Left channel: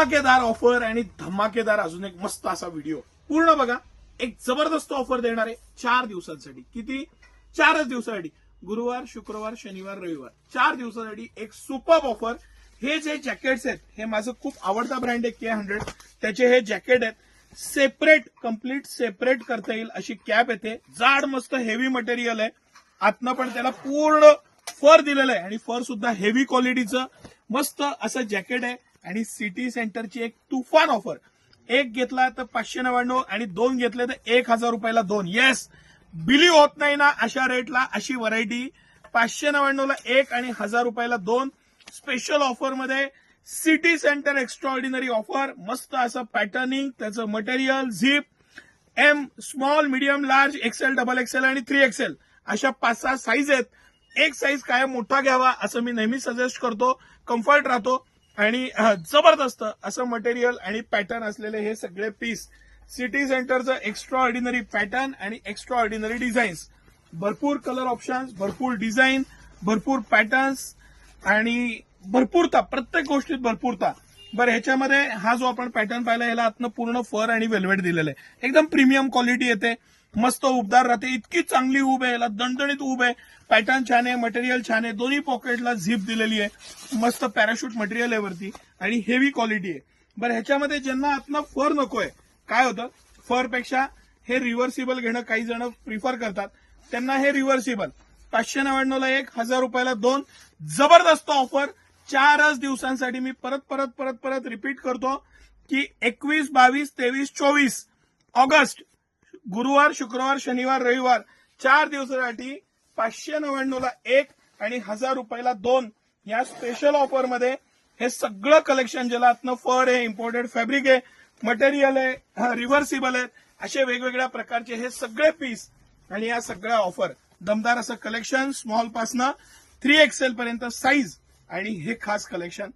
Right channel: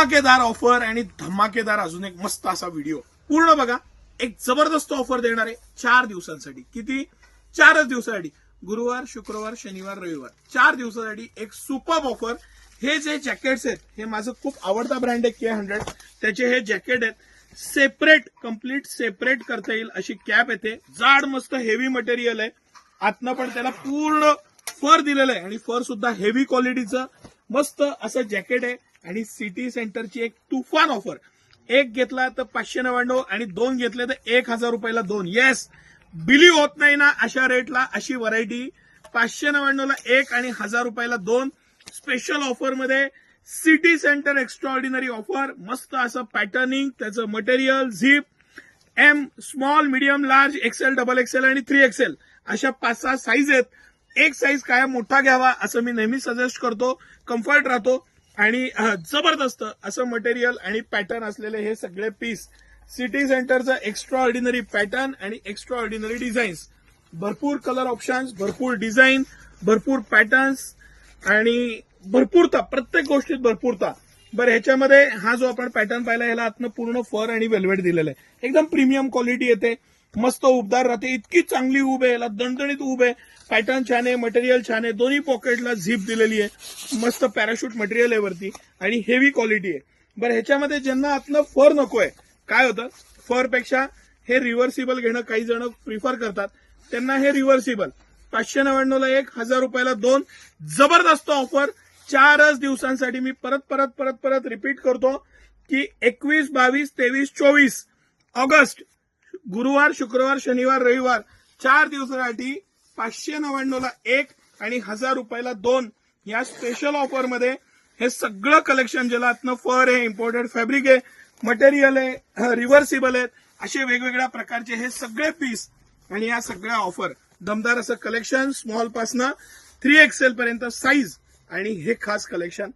धमाकेदार ऑफर आणि धमाकेदार अजून एक मस्त असा व्हिडिओ पूर्ण बघा। एक जबरदस्त ऑफर देणार आहे 4 दिवसांसाठी। किती? 4च दिवसासाठी। गुरुवार, शुक्रवार, शनिवार, रविवार 4 दिवसासाठी एक सुपर ऑफर। हे जे जॅकेट्स आहेत हे माझं खूप आवडता ब्रँड आहे K100, त्याचे हे जॅकेट आहेत सेपरेट, कम्प्लीट सेपरेट करता येईल अशी कॅप येते। जाड मस्त हेवी मटेरियल आहे, आतनं पण त्याला पूर्ण फर दिलेलं आहे आणि फर सुद्धा हेवी क्वालिटीचं मस्त असं जॅकेट आहे। आणि सिटी सेंटरची एक तुफान ऑफर, एक घेतला तर 599 आणि 2 घेतले तर 1000 रुपयाला 2। येस, बिलीव्ह होत नाही ना अशा रेटला अशी व्हरायटी। 599 ला 1 आणि 1000 रुपयाला 2 स्पेशल ऑफर मध्ये सिटी सेंटर एक्स्ट्राऑर्डिनरी ऑफर। मस्त असं पॅटर्निंग, त्याचं material, zip M, small, medium, large, XL, double XL आणि 3XL अशा 5-6 साईज आहेत। एक साईज काय मोठा घ्यावा असं मी नेहमी सजेस्ट करतो, कम्फर्ट राहतो आणि जबरदस्त असं मटेरियल आणि पॅटर्न असलेले हे सगळे पीस। सिटी सेंटरचं एक्स्ट्रा ऑर्डिनरी पॅटर्न आणि एक्स्ट्रा ऑर्डिनरी डिझाईन्स, भरपूर कलर ऑप्शन्स, भरपूर डिझाईन, भरपूर पॅटर्न्स आणि भरपूरता, प्रत्येक गोष्टीत भरपूरता। बरं, ह्याच्यामध्ये हा जो आपण पॅटर्न पाहिला याला आतनं पूर्ण फर आणि वेल्वेट दिलेलं आहे, एकदम प्रीमियम क्वालिटी येते, मस्त उबदार राहते, इतकी चांगली उब आहे, याला दणदणीत उब आहे, पॅटर्न छान आहे, मटेरियल छान आहे, दोन्ही पॉकेटला झिप दिलेली आहे, मस्त पॅराशूट मटेरियल आहे वरती आणि हेवी क्वालिटी आहे। बरं, ह्याच्यामध्ये ज्यांना आतनं फर नकोय, काय होतं फर पेक्षा हे रिव्हर्सिबल घेणं काही जण प्रिफर करतात, त्यांना हे रिव्हर्सिबल 599 ला 1, 1000 रुपयाला 2 जबरदस्त ऑफर 4च दिवसांसाठी। मी परत रिपीट करतो की 21, 22, 23, 24 ऑगस्ट, गुरुवार, शुक्रवार, शनिवार, रविवार 4 दिवसासाठी 599 ला 1 आणि 1000 रुपयाला 2 या स्पेशल ऑफर मध्ये हे सगळं कलेक्शन, ज्याला आतनं फर आहे, इम्पोर्टेड फॅब्रिक आहे, मटेरियल आहे, रिव्हर्सिबल आहेत, असे वेगवेगळ्या प्रकारचे हे सगळे पीस आणि या सगळ्या ऑफर, दमदार असं कलेक्शन, स्मॉल पासनं 3XL पर्यंत साईज आणि हे खास कलेक्शन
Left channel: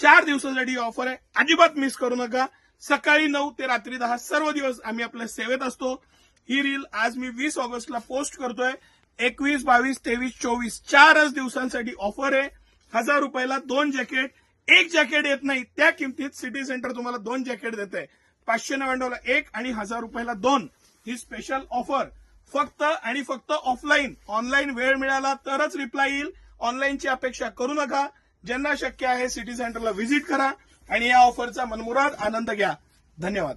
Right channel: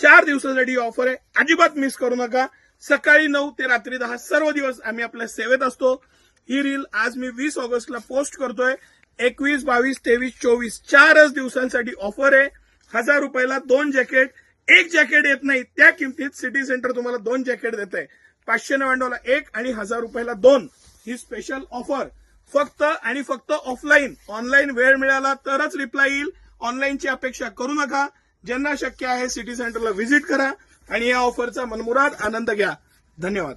4 दिवसासाठी ऑफर आहे। अजिबात मिस करू नका। सकाळी 9 ते रात्री 10 सर्व दिवस आम्ही आपल्या सेवेत असतो। ही रील आज मी 20 ऑगस्टला पोस्ट करतोय। 21, 22, 23, 24 4च दिवसांसाठी ऑफर आहे। 1000 रुपयाला 2 जॅकेट, एक जॅकेट येत नाही त्या किमतीत सिटी सेंटर तुम्हाला 2 जॅकेट देते। 599 ला 1 आणि 1000 रुपयाला 2 ही स्पेशल ऑफर फक्त आणि फक्त ऑफलाईन। ऑनलाईन वेळ मिळाला तरच रिप्लाय येईल, ऑनलाईनची अपेक्षा करू नका। ज्यांना शक्य आहे सिटी सेंटरला व्हिजिट करा आणि या ऑफरचा मनमुराद आनंद घ्या। धन्यवाद।